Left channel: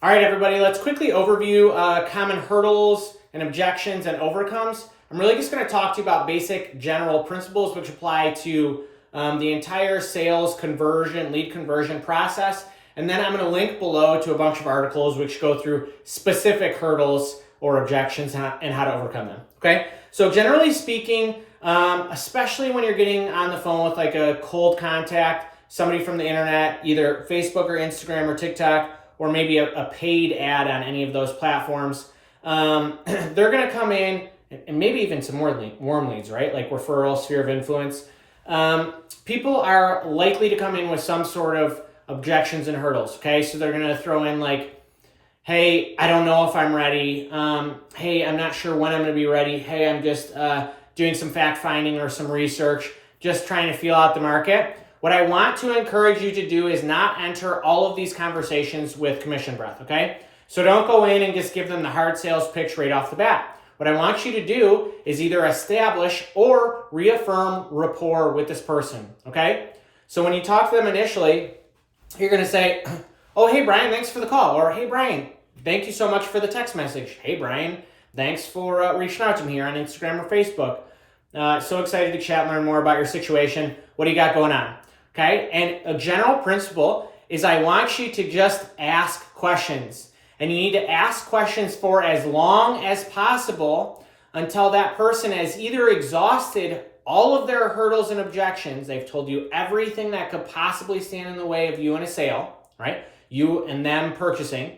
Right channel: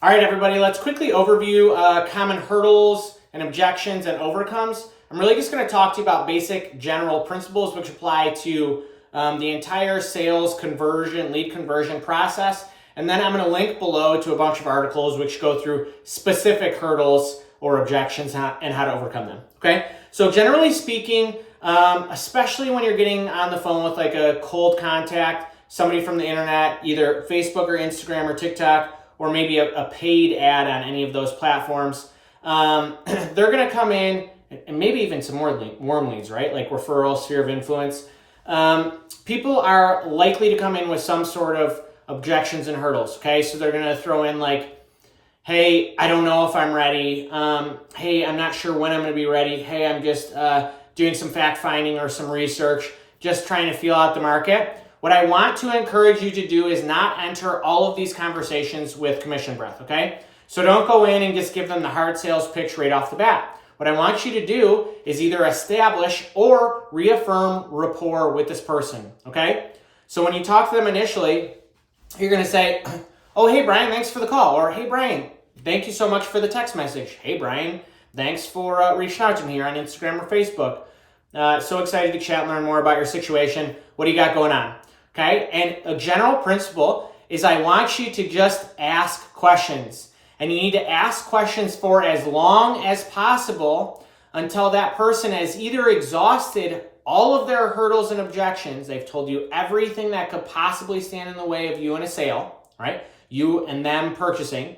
All right, everybody, let's quickly overview common hurdles and objections and overcomes. I'm really just going to talk to you about basic general principles which apply to the entire sales conversion, lead conversion process. And then I'm going to link below to a bunch of articles which go through specific hurdles or objections and how to overcome them. Okay, so generally speaking, especially when you're getting on the phone with like a cold contact, somebody from the internet, either Facebook or Instagram or TikTok, or maybe a paid ad on any of those platforms, they're going to come in, and maybe even some more warm leads, right? Like referral, sphere of influence. People are likely to come in with some sort of objections and hurdles, okay? So they're going to throw in like, hey, I don't know if I'm ready. Hey, I'm not sure when I'm going to be ready. Hey, I'm just doing some fact finding or some research, just trying to feel out the market. What I want to encourage you to do is not enter all of these conversations with commission breath, okay? So don't go in and just give them the hard sales pitch right off the bat. What I want you to do is either establish or reaffirm rapport with this person, okay? So when you talk to them initially, you're going to say, oh, hey, Brian, thanks for the call. Or, hey, Brian, thank you so much for the text message. Hey, Brian, thanks for reaching out to me here on Instagram or Facebook. So excited to chat and learn more about your situation. What do you got going on? Okay, and a general principle is I want you to just ask questions. And you need to ask questions for as long as possible until that person has either exhausted all of their hurdles and objections. They've told you everything that could possibly stand in the way of you in a sale, right? You and them purchasing.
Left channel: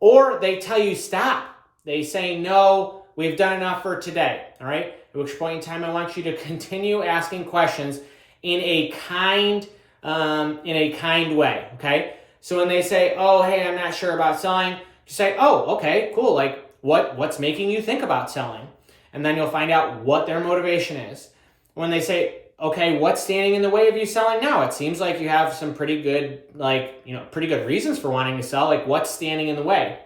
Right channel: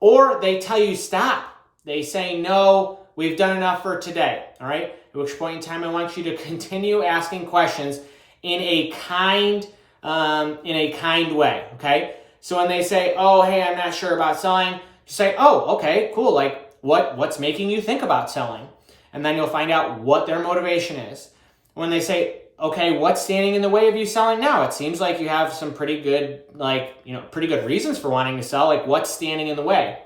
Or they tell you stop. They say, no, we've done enough for today, all right? At which point in time, I want you to continue asking questions in a kind way, okay? So when they say, oh, hey, I'm not sure about selling, you say, oh, okay, cool. Like, what's making you think about selling? And then you'll find out what their motivation is. When they say, okay, what's standing in the way of you selling now? It seems like you have some pretty good, pretty good reasons for wanting to sell. Like, what's standing in the way?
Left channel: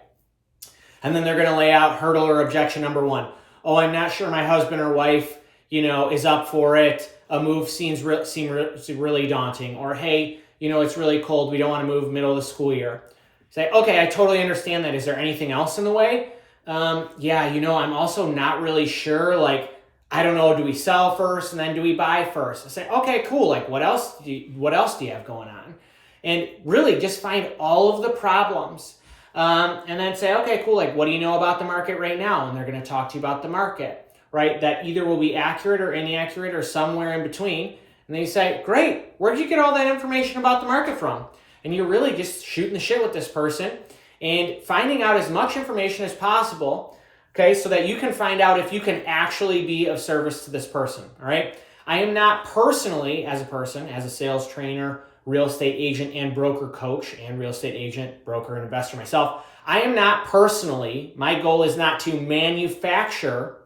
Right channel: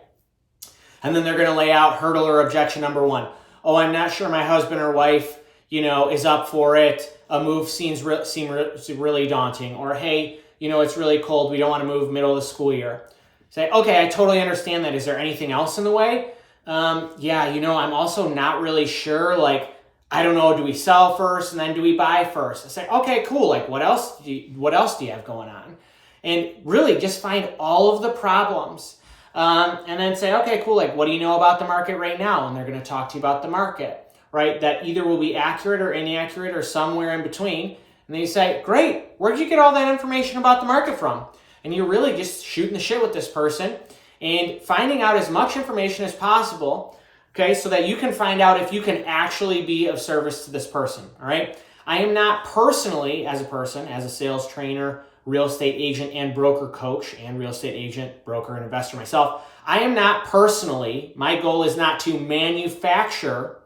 And then they're going to lay out hurdle or objection number one. Oh, I'm not sure my husband or wife, is up for it. A move seems really daunting. Or, hey, it's really cold. We don't want to move middle of the school year. Say, okay, I totally understand that. Is there anything else in the way? I'm also not really sure. Like, I don't know, do we sell first and then do we buy first? I say, okay, cool. Like, what else do you have going on? And really just find all of the problems. And then say, okay, cool. Like, what do you know about the market right now? And they're going to talk to you about the market. Right, that either will be accurate or inaccurate or somewhere in between. And then you say, great, where'd you get all that information about the market from? And you're really just shooting the shit with this person and finding out as much information as possible, okay, so that you can find out if you can actually be of service to this person, all right? I am not personally, as a sales trainer, real estate agent and broker coach, and real estate agent, broker, and investor myself, I am not personally, my goal is not to manufacture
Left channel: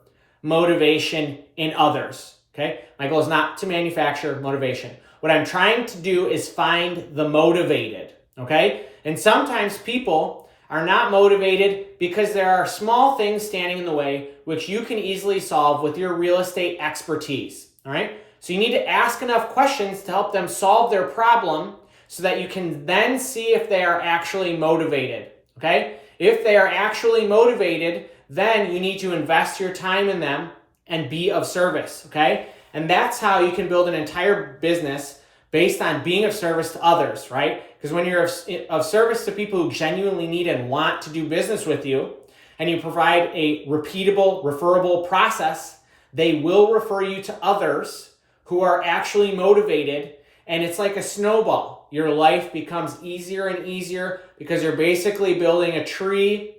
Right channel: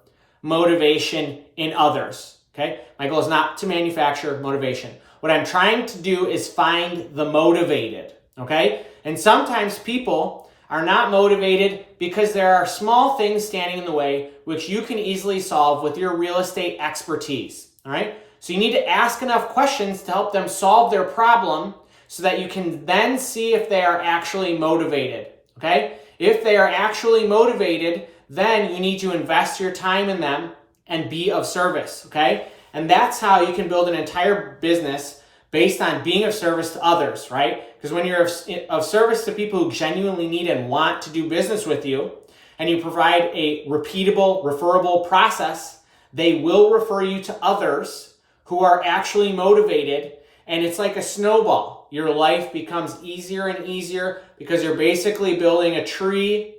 motivation in others, okay? My goal is not to manufacture motivation. What I'm trying to do is find the motivated, okay? And sometimes people are not motivated because there are small things standing in the way which you can easily solve with your real estate expertise, all right? So you need to ask enough questions to help them solve their problem so that you can then see if they are actually motivated, okay? If they are actually motivated, then you need to invest your time in them and be of service, okay? And that's how you can build an entire business based on being of service to others, right? Because when you're of service to people who genuinely need and want to do business with you, and you provide a repeatable, referable process, they will refer you to others who are actually motivated, and it's like a snowball. Your life becomes easier and easier because you're basically building a tree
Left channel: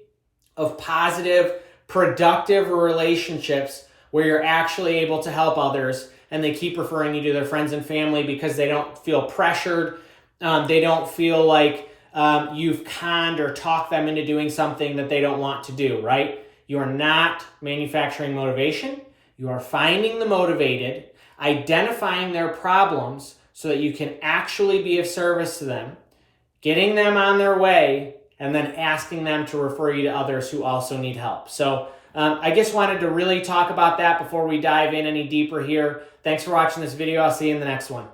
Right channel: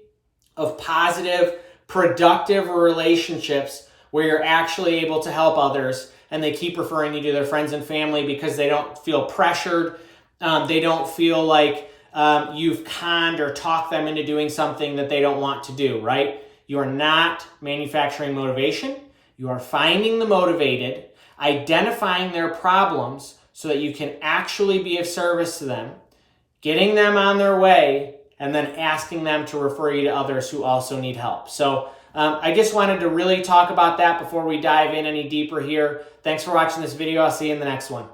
of positive, productive relationships where you're actually able to help others, and they keep referring you to their friends and family because they don't feel pressured. They don't feel like you've conned or talked them into doing something that they don't want to do, right? You are not manufacturing motivation. You are finding the motivated, identifying their problems so that you can actually be of service to them, getting them on their way, and then asking them to refer you to others who also need help. So I just wanted to really talk about that before we dive in any deeper here. Thanks for watching this video. I'll see you in the next one.